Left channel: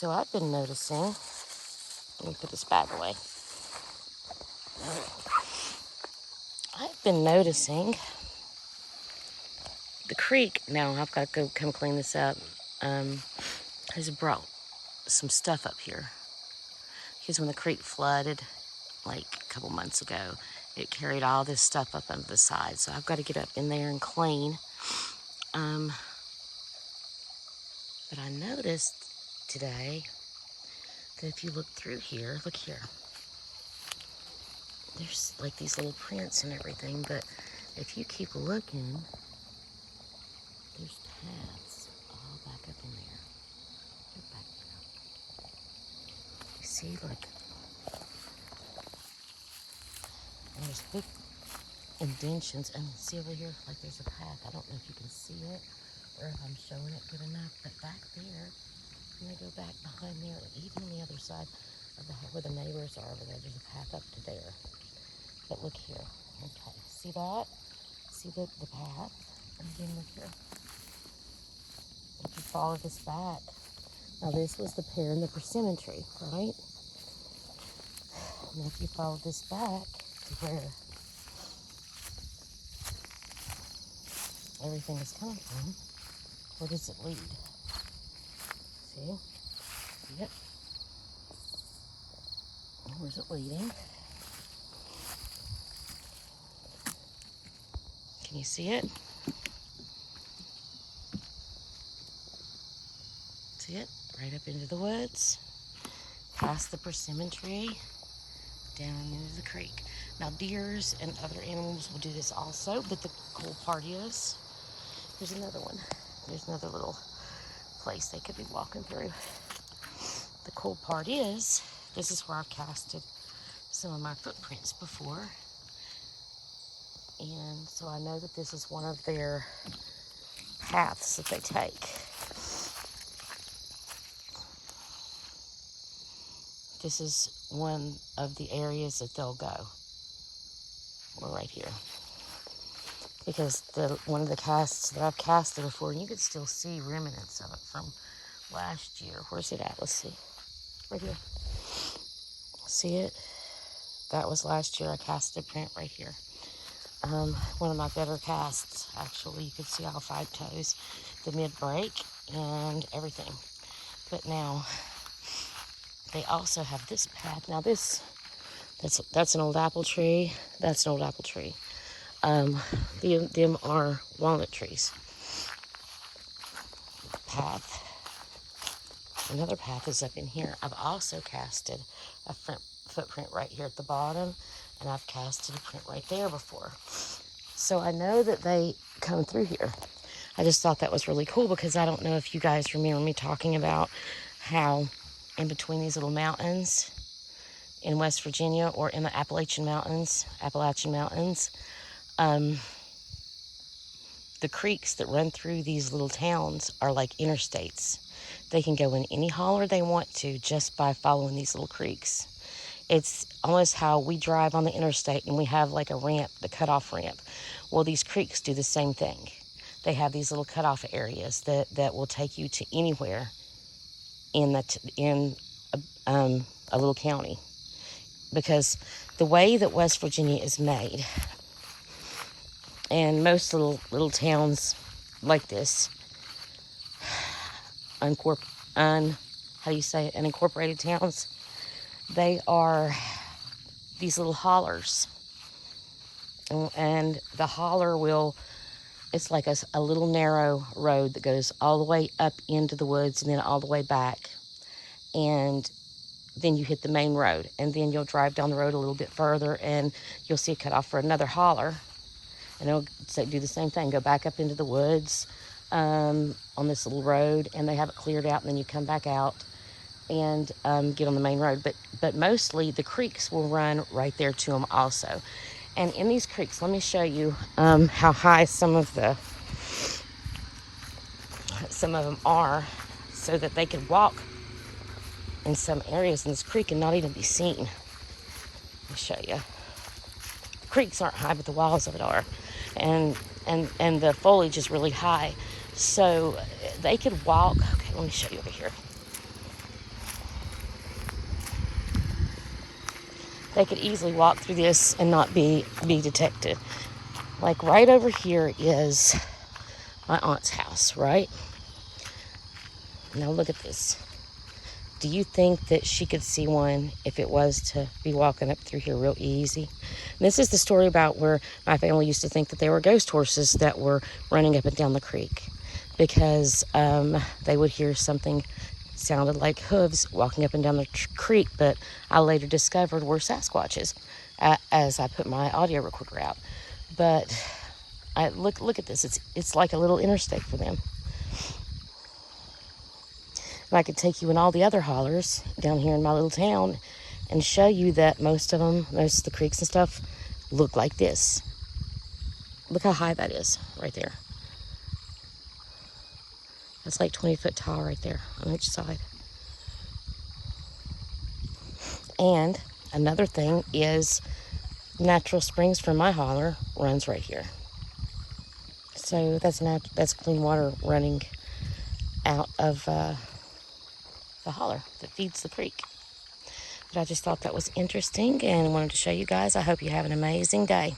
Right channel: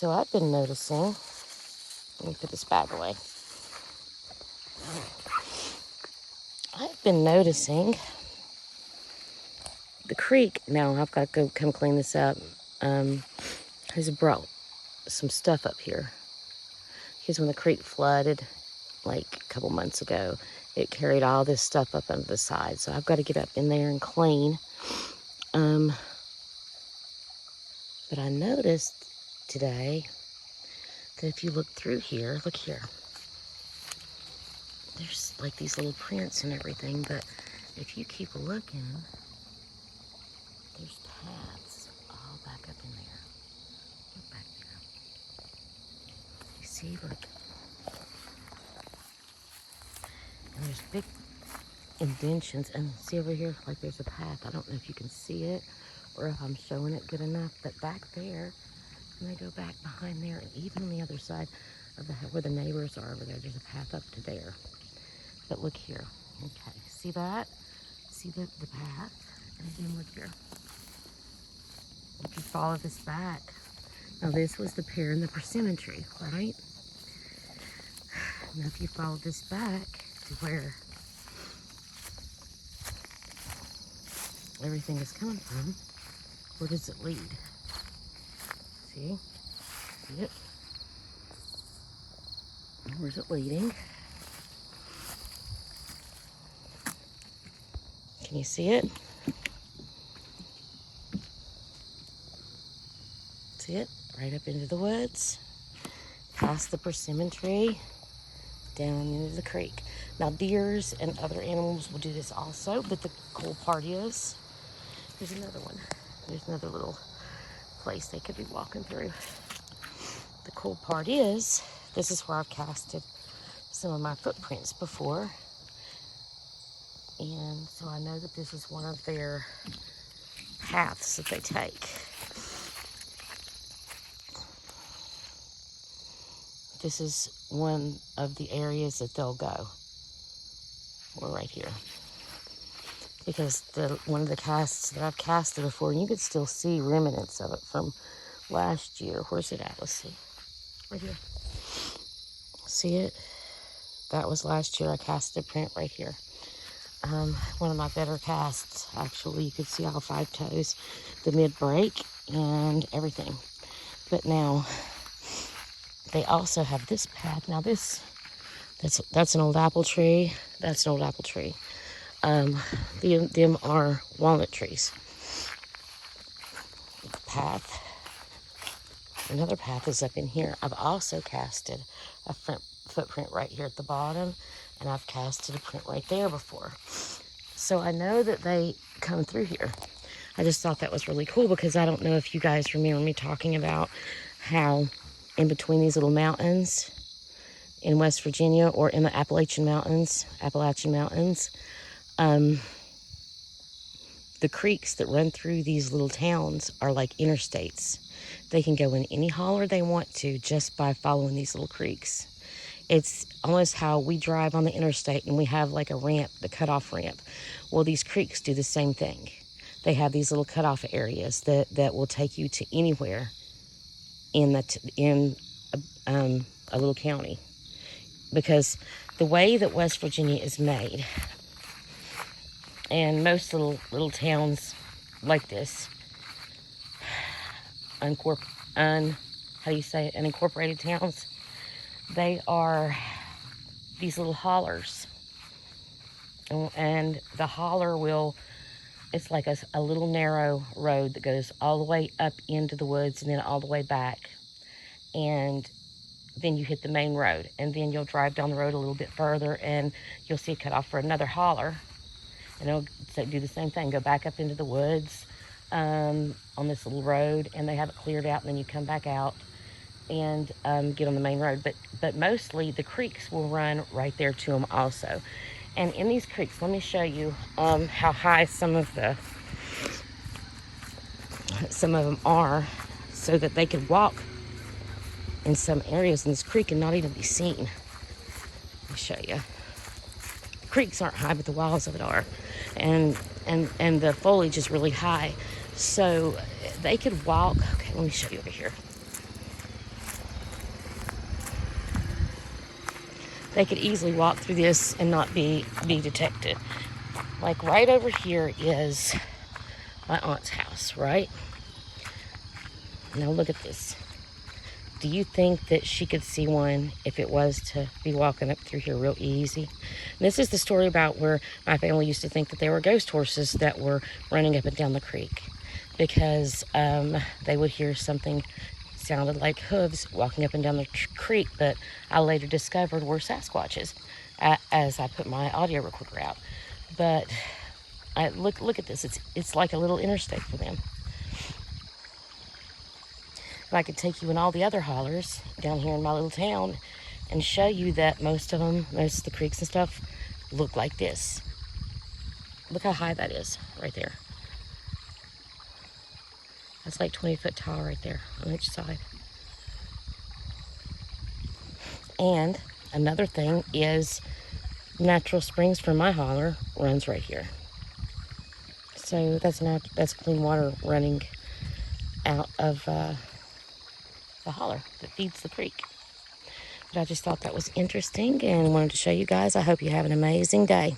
So I've been noticing, let me put this bag away. I've been noticing the creek. Now I've got to go come clean this up. Has brought some stuff up here. Because when the creek flooded like a couple months ago, it carried all this stuff up under the side. So I've got to get up in there and clean. But I noticed today that if you look through here, look here. There's like these little prints and everything, but if you keep looking, there's paths all back up in there. Look back there. You see, look. And there's big indentions, and see over here, like there's a path. I don't know if you can see it or if I'm showing it good enough, but back there, and they go back behind there, and even on the other side of the where the neighbors are over there, there's a path up to there. But look here. Okay, see that? See the path? And again, look here. If you follow this back, now this was the pear and the persimmon tree, right? Now if you follow this back to where everything is coming from, where does it lead? See? See it? Where's it leading? Can you see it? See it? Right up into the woods, past the persimmon tree, down into the creek. Now deers and other animals will do this also, but the cool part is, here's another one. There's another little place they could be walking through. The cool part is, this is where I've casted some of my footprints before. And so I know that this is one of their paths that they take. This is one of the areas that they'll go. We're right here. Because one of the casts that I've casted before, and you could still see remnants of it from last year. Where's it at? Let's see. Right here. See it? That was last year. I casted a print right here. One of my better casts, actually. You could see all 5 toes, the mid-break, and everything. But now, they also have this path. Now that's an old apple tree. That's an old apple tree. Them are walnut trees. Path. Another path is up in here. I've also casted a footprint right here at the bottom, and I've casted a print right there before. So I know that they come through here. I just thought that was really cool because I don't know if you guys remember me talking about how in between these little mountains in West Virginia or in the Appalachian Mountains, the creeks that run through these little towns are like interstates. They can go in any holler they want to just by following these little creeks. It's almost how we drive on the interstate and we have like a ramp, the cutoff ramp. Well, these creeks do the same thing. They have these little cutoff areas that will take you to anywhere in a little county. Because the way that West Virginia is made, and most little towns like this, unincorporated towns, they are these little hollers. And the holler it's like a little narrow road that goes all the way up into the woods and then all the way back. And then you hit the main road. And then you'll drive down the road a little bit further and you'll see a cutoff for another holler. And it'll do the same thing. Go back up into the woods on this little road, and they have it cleared out, and then you come back out and get on the main road. But mostly the creeks will run right there to them also. And in these creeks, let me show you how high some of them are, so that they could walk in some areas in this creek and not even be seen. Let me show you. Creeks aren't high, but the walls of it are. And the foliage is really high. So they could walk. Okay, let me show you over here. they could easily walk through this and not be detected. Like right over here is my aunt's house, right? Now look at this. Do you think that she could see one if it was to be walking up through here real easy? This is the story about where my family used to think that there were ghost horses that were running up and down the creek, because they would hear something sounded like hooves walking up and down the creek, but I later discovered were Sasquatches as I put my audio recorder out. But look at this. It's like a little interstate for them. And I could take you in all the other hollers down here in my little town and show you that most of the creeks and stuff look like this. Look how high that is right there. That's like 20 foot tall right there on each side. And another thing is natural springs from my holler runs right here. So that's clean water running out of the holler that feeds the creek. But I just thought that was interesting and wanted to show you guys. I hope you have an amazing day.